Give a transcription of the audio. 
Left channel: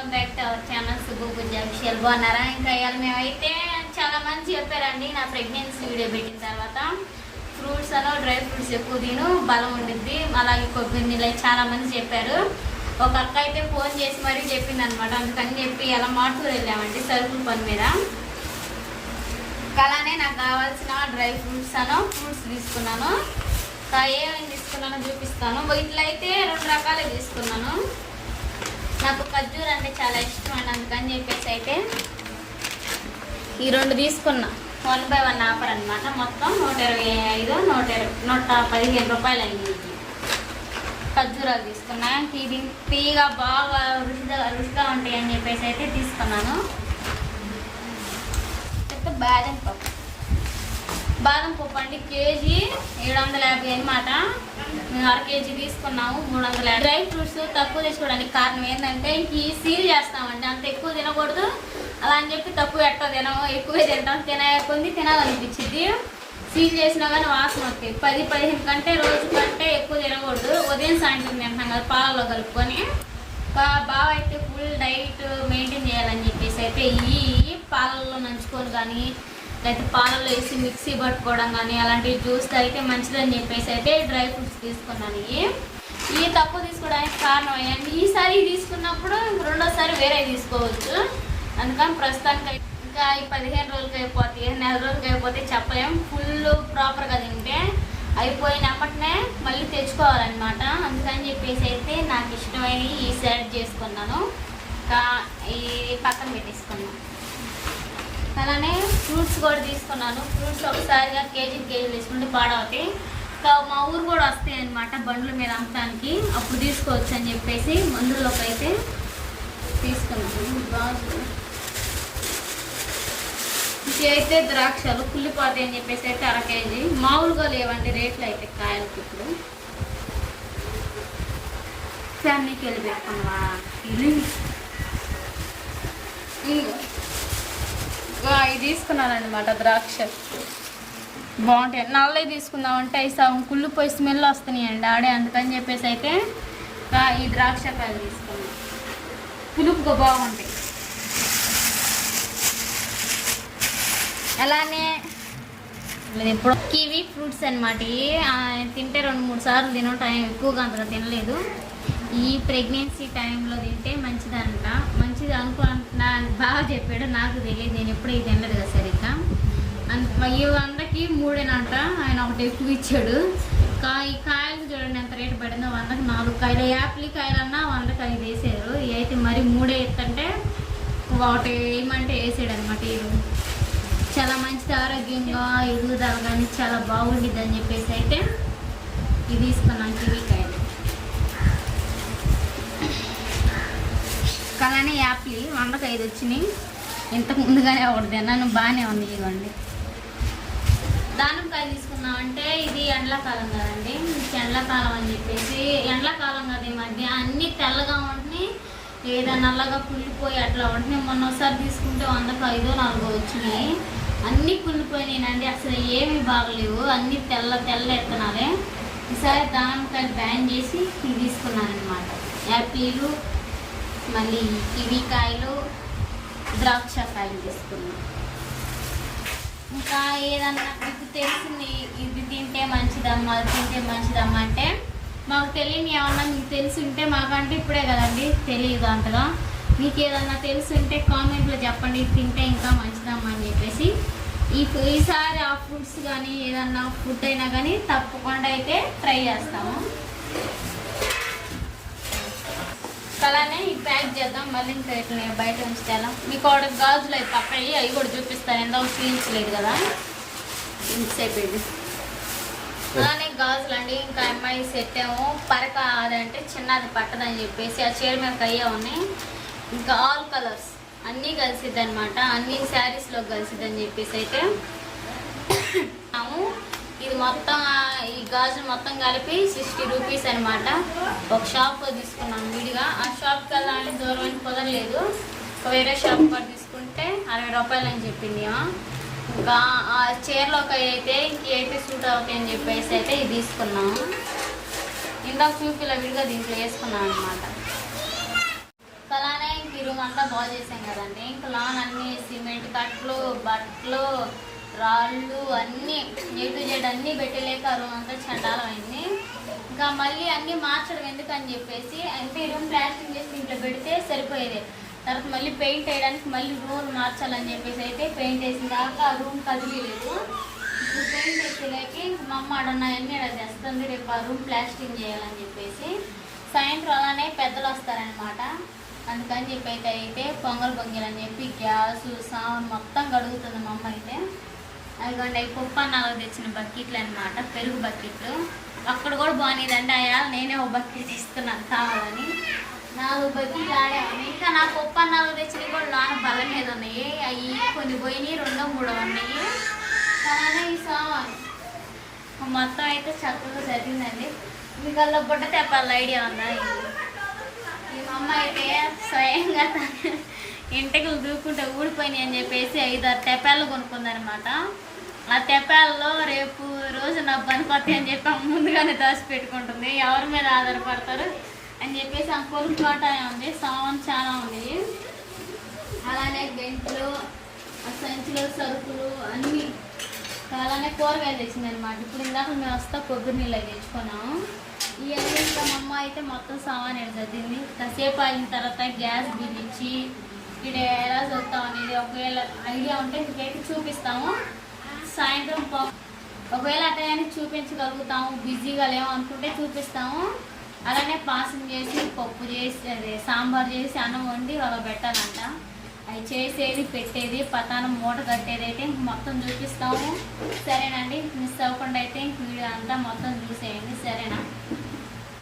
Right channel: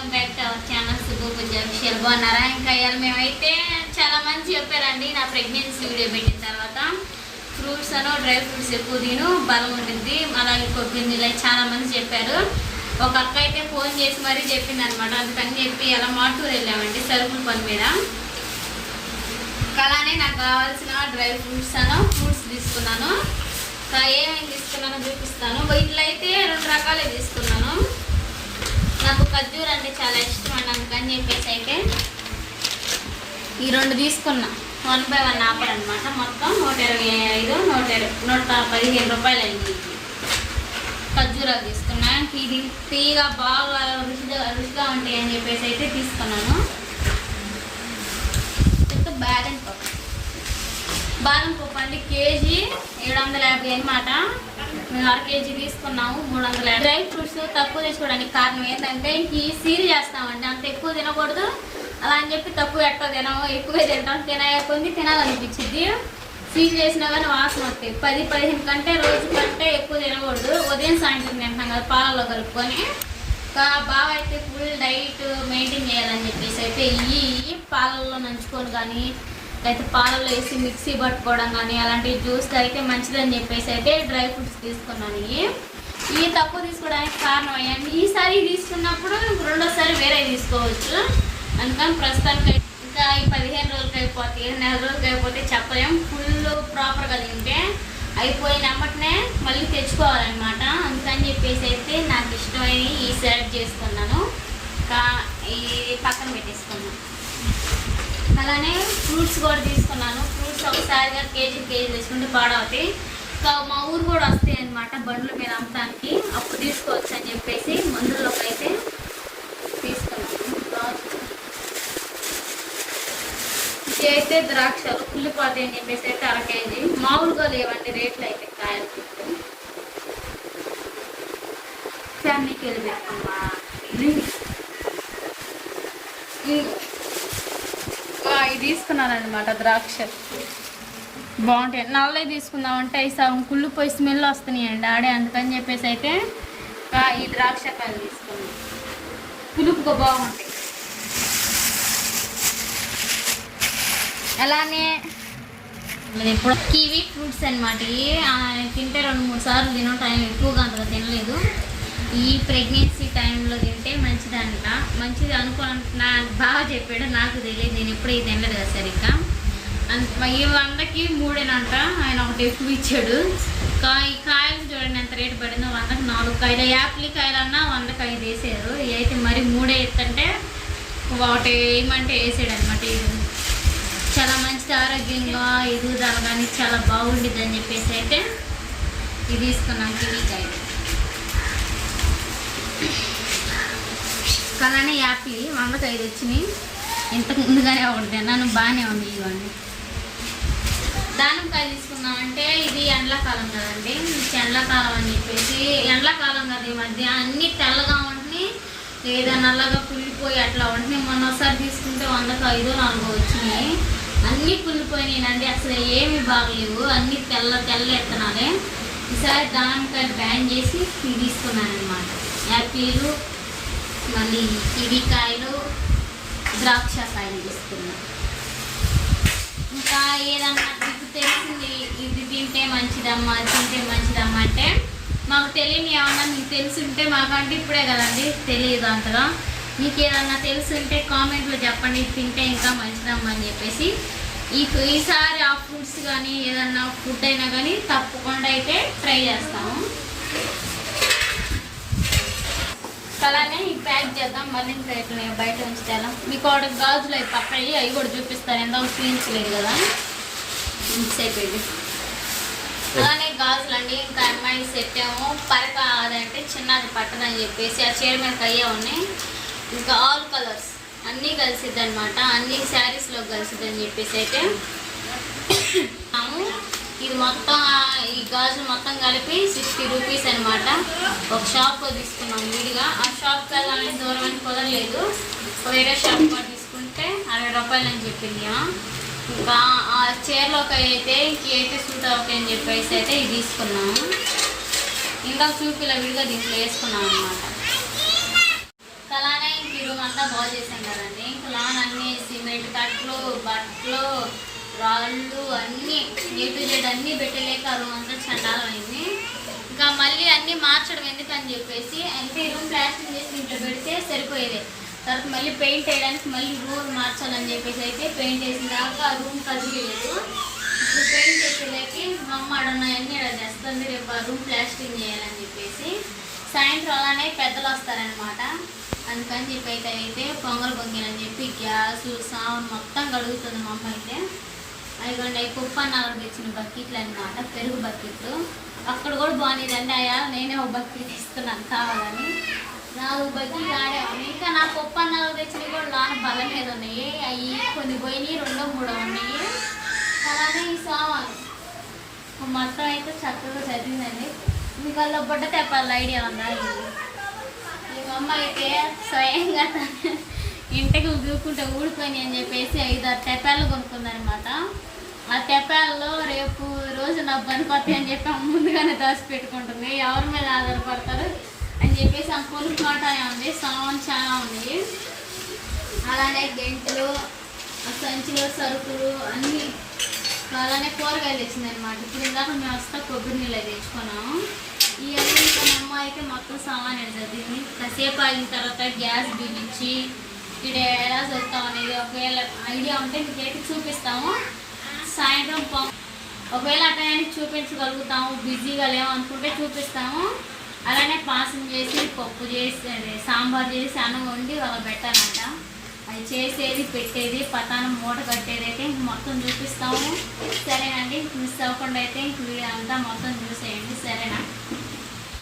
Welcome back to our channel Subbu Pooja official బాగున్నారా? ఇంకా ఇవాళ మేమైతే చాలా మంది చెప్పారండి నా ప్రెగ్నెన్సీ వీడియో పెట్టిన తర్వాత ఫ్రూట్స్ అనో డ్రై ఫ్రూట్స్ ఎక్కువ తిను బలం ఉండిద్ది. అలాగే కొబ్బరి నీళ్ళు చాలా మంది చెప్పారు. ఒక అక్క అయితే ఫోన్ చేసి మరీ చెప్పింది అనమాట అందుకని చెప్పి అలా మాటూరు వెళ్ళామండి సరుకుల పని మీద. అలానే నాకు కావాల్సిన డ్రై ఫ్రూట్స్ అనో ఫ్రూట్స్ తీసుకున్నాను. ఏమేమి తీసుకున్నానో చూపిస్తాను. వీటిలో అయితే రెండు రకాలే తీసుకున్నాను. నాకు ఖర్జూర్ అంటే చాలా ఇష్టం అని అందుకని చెప్పేసి అయితే ఈ రెండు తీసుకున్నా. వన్ బై వన్ ఆఫర్ అనమాట మొత్తం నూట ఇరవై ఐదు నూట ఇరవై నూట పదిహేను రూపాయలు అయింది ఖర్జూరాలు తీసుకున్నా. ఇది తీగా బాగా రుచిగా రుచిగా ఉంటాయి అని చెప్పేసి అయితే తీసుకున్నాను. అయితే బాదం పప్పు బాదం పప్పు అండి. కేజీ ఏడు వందల యాభై అనమాట మేము అర కేజీ తీసుకున్నాము మూడు వందల యాభై. డ్రై ఫ్రూట్స్ తక్కువ తీసుకోవడానికి కారణం ఏంటంటే ఇంక ఈ సీల్ చేస్తామండి. అంత ఎక్కువ తినకూడదు. అలా అని చెప్పి తక్కువ ఎట్టో తినము ఎక్కువే తింటాం. తినకొంది తినాలనిపించింది సీల్ చేసినా కానీ వాసన వస్తాయి. పది పదిహేను కంటే రోజు కంటే ఎక్కువ తినకూడదు. ఉదయం సాయంత్రం తింటున్నాం కదా పాలలో కలుపుకొని. బాగా అయితే ఫుల్ డైట్ మెయింటైన్ చేయాలని చెప్పేసి అయితే ఈ పాలల్లో నంచుకొని కానీ లేకపోతే పాలలో వేసి మిక్సీ పట్టుకోవడం కానీ అలాంటి జ్యూస్ అయితే మంచిదని చెప్పేసి అయితే డ్రై ఫ్రూట్స్ తీసుకున్నాను. ఇవి తక్కువ తీసుకోవడానికి కారణం అయ్యాను ఈసారి తీసుకున్నప్పుడు రెండోసారి వేరే తీసుకోవచ్చు. అందుకని ప్రస్తుతానికి అయితే ఇంకా ఈ పదిహేను రోజులకి అయిపోతాయి నెల రోజులకి అయిపోతే చెప్పలేం. ఫుల్ ప్రాపర్గా తింటే అయిపోయిన మళ్ళీ తెచ్చుకోవాలన్నమాట. అందుకని చెప్పేసి అయితే నాకు ఇష్టమైన ఈ సెలెక్ట్ చేసుకున్నాను. ఇంకా ఈ పక్కన పెట్టేసుకున్నాను. అలానే ఫ్రూట్స్ కూడా తీసుకున్నాను. ఫ్రూట్స్ ఒకసారిగా కేజీ కేజీ తీసుకుంటే పాడవుతాయి. సో మా ఊరు కూడా వస్తాయి అనమాట బండ్ల మీద అమ్మటానికి అప్పుడు తీసుకోవచ్చు అని చెప్పేసి మందుల్లోకి అయితే తీసుకున్నాను. ద్రాక్ష ఇది అయితే ద్రాక్షలు కుళ్ళిపోతాయి అని చెప్పేసి అయితే అర కేజీ. మామూలుగా లేవండి రేట్లు అయితే కాయలకి ఇప్పుడు. ఫ్యామిలీకి వెళ్ళి పెట్టుకున్నా ఇది తీసుకున్నాను అనమాట ద్రాక్ష. బాగుంటాయి. నల్లవి తీసుకుందామంటే అవి సగం కుళ్ళిపోయి స్మెల్ వస్తున్నాయండి ఆడే అందుకని చెప్పేసి అయితే ఈ ద్రాక్ష కాయలు తీసుకున్నాం. పులుపుగా బాగుంటాయి. అలానే ఇప్పుడు కివీ ఫ్రూట్స్ అనమాట తింటే రెండు మూడు సార్లు తినటం ఎక్కువగా అంతగా తినలేదు. ఈ ప్రెగ్నెన్సీ టైంలో తింటే మంచిదంట. మంచిది అనుకో నాకు బాగా చెప్పాడు. నాకు తెలియదు. నేను ఎప్పుడు ఇది తినలేదు కదా సరిగ్గా. అంత ఈ వందకి మూడేనంట. ఆయన ఒకటి ఎక్కువ ఇచ్చాడు. కా ఈ కాయలు చూడండి ఎంత రేటు పడిందో. వందకి నాలుగు కాయలు. యాపిల్ కాయలన్నా వందకి ఐదు వేసారు. అయితే మరి మూడే ఎత్తంటే ఒకటి వేయమంటే వేసాడు అనమాట ఇది చాలా మంచిది ఆరోగ్యంగా ఎదుగుదల కానీ చాలా బాగుండిద్ది అని చెప్పేసి అయితే ఇది తీసుకున్నాను. కివీ కాయలు. అలానే యాపిల్ వందకి ఐదు వచ్చినాయి. ఇంతకు ముందుగానే ఒకటి తిన్నాను. బాగానే ఉంది ఇవ్వండి దానిమ్మకాయ తీసుకున్నామంటే ఇది ఎండాకాలం కదండి. ఎండాకాలం అని చెప్పేసి ఎండాకాలం కదా ఈ మధ్య. అన్ని తెల్లగా ఉంటున్నాయి. లేదా నల్లగా పుల్లిపోయి అట్లా ఉంటున్నాయి. మొన్న ఒకసారి తీసుకుంటే వందకు ఐదో నాలుగో వచ్చినాయి. అన్నీ కుళ్ళిపోయినాయండి అసలు ఏమి బాగలేవు. అన్ని తెల్ల తెల్ల ఎత్తనాలే. ఈసారి దానిమ్మకాయలు బ్యాన్ చేసి తీసుకున్నాను అనమాట యాపిల్ మళ్ళీ కివీ కాయలు ద్రాక్ష కాయలు తీసుకున్నాం. ఇంకా ఏదన్నా మీకు తెలిసింది ఇది తింటే మంచిదమ్మా అది తింటే మంచిదమ్మా అంటే మాకు తెలియని ఏమన్నా మీకు తెలిసి మాకంటే ఇప్పుడే కదండి తెలియదు అంతగా. మీకు ఏదన్నా తెలుసుంటే కామెంట్లో చెప్పండి తింటే ఇంకా మంచిదమ్మా అని చెప్పేసి. ఈ ఈసారి ఆ ఫుడ్స్ కానీ ఏదన్నా ఫుడ్ అయినా కానీ తప్పకుండా అయితే ట్రై చేస్తాము. అలానే ప్యాక్ చేద్దాం. మళ్ళీ ఇంకా ఇట్లా బయట ఉంచుతాను మీకు ఆవిడ గాజులు అవి పక్కయ్యి అవి కూడా చూపిస్తాను. ఎంత లేదు కదా. ఇన్సైడ్ ఇది. అలానే గాజులు అండి. ఇంకా అమ్మాయి సెట్ ఏమో పరక అదంటే చిన్నది పట్టదని చెప్పేసి ఆ చీర మీద అయ్యే ఉన్నాయి. ఇంకా ఆల్ కలర్స్ అన్నీ కలిసిద్ది అనమాట అన్ని శారీస్లో కలిసిద్ది అని చెప్పేసి అయితే. ఇది మొత్తం ఈ గాజు మొత్తం కలిపి సిక్స్టీ రూపీస్ అనమాట ఒక షాప్లో తీసుకున్నాం విడిగా. ఆ షాప్కి వెళ్ళాలని దూరం అని కుదరలేదు. వేరే షాప్ కూడా తీసుకుంటే అరవై రూపాయలు అని చెప్పింది ఇంకా ఆ చీరలోకి అయితే ఇంకైతే సూట్ అవుతాయి అని చెప్పేసి అయితే ఇది తీసుకున్నాము ఇందాక చూపిలా విడిగా దీంట్లో వేసుకున్నాం అనమాట అలానే ఇంక ఈ బాగు చేసాం కదండి. ఇంకా లాన్ అన్ని సిమెంట్ కట్లు బట్టలు రాళ్ళు అన్నీ ఏ టు జెడ్ అన్నీ పెట్టలేక ఆ రూమ్ అంతా చండాలం అయింది ఇంకా మళ్ళీ అన్నీ మార్చడం ఎందుకని చెప్పేసి అంటే రూమ్ ప్లాస్టింగ్ చేసి ఇంట్లో పెడితే సరిపోయేది. తర్వాత మళ్ళీ పెయింట్ వేయడానికి మళ్ళీ రూమ్ మార్చాలని చెప్పేసి అయితే పెయింట్ వేసిన దాకా ఆ రూమ్ కదిలేదు ఇప్పుడు పెయింట్ వేసేలాకి మా అమ్మ అడున్నాయన్నీ అక్కడ తెస్తుంది రేపు ఆ రూమ్ ప్లాస్టింగ్ చేయాలని చెప్పేసి సాయంత్రం అలానే పెద్దలు వస్తారనమాట అందుకని చెప్పి అయితే అయితే పొంగల్ పొంగిలని చెప్పి గ్యాస్ సామాన్ మొత్తం కడుగుతుంది మా అమ్మ అయితే. అదిగోండి అవి కుప్పన్నాలకు తెచ్చిన బకెట్లు అనమాట పెరుగు బకెట్లు. అక్కడ కూడా బాగుంది అయ్యా నేనే ఒక బకెట్ ఇస్తున్నాను కావాలని. నాలుగు బకెట్లు ఆడే ఇంకా నా పప్పు అన్నాలు తెచ్చిన కూడా లాన బల్ల మీద ఉన్నాయి. అవి కొన్ని పోయినాయి రెండో మూడో ఉన్నాయి. అలానే ఈ సామాను? మొత్తం అయితే చక్కగా చదివిందండి. మీకు అలా బుట్ట తెప్పాలి ఐడియా ఉందా ఈ అమ్మ అయితే స్వయంగా ఇంటికి దూకుంటే ఊడిపోయినాయి అని చెప్పేసి ఐదారు తెప్పాలు అనమాట ఆ తెప్పాల్లో రేపు రోజు నా పనికొస్తాయి అని చెప్పి ముందుగానే దాచి పెట్టుకుంటుంది. ఎవరి మీద ఆధారపడతారు అని చెప్పేసి ఆమె కొనుక్కోవటమే ఉంది. సామాన్ చాలా ఉంది. అలానే గెంట్లు ఆ సంచిలో సరుకులు అన్నీ అలానే కూరగాయలు తెచ్చింది అనమాట ఇప్పుడు ఇందాక మేము వస్తా కొబ్బరి నీళ్ళు అవి తెచ్చుకున్నాము ఇవన్నీ ఇంకా మా అమ్మ అయితే మొత్తం సామాన్ చదివింది కాసేపు ఆగిన తర్వాత గ్యాస్ బిగించి వీడియో ఎలా చదువుతాం అనేది ఒకవేళ ఐడియా ఉంటే మీకైతే చూపిస్తాము. సాయంత్రం పొ- ఒకవేళ అటయాన్ని చూపించగలుగుతాము. బిజీగా లేము అనుకుంటే చూపిస్తాము. అలానే పాసం చేసి పప్పు చేసి అదే సాంబార్ చేసి అన్నం వండి వాళ్ళకి పెట్టాలంట. అది చేసేది పెట్టేది పతానం మూట కట్టేది అయితే మొత్తం చూపిస్తాము. సరేనండి మిస్ అవ్వకుండా అయితే వీడియో అంతా మొత్తం చూసేయండి. సరేనా?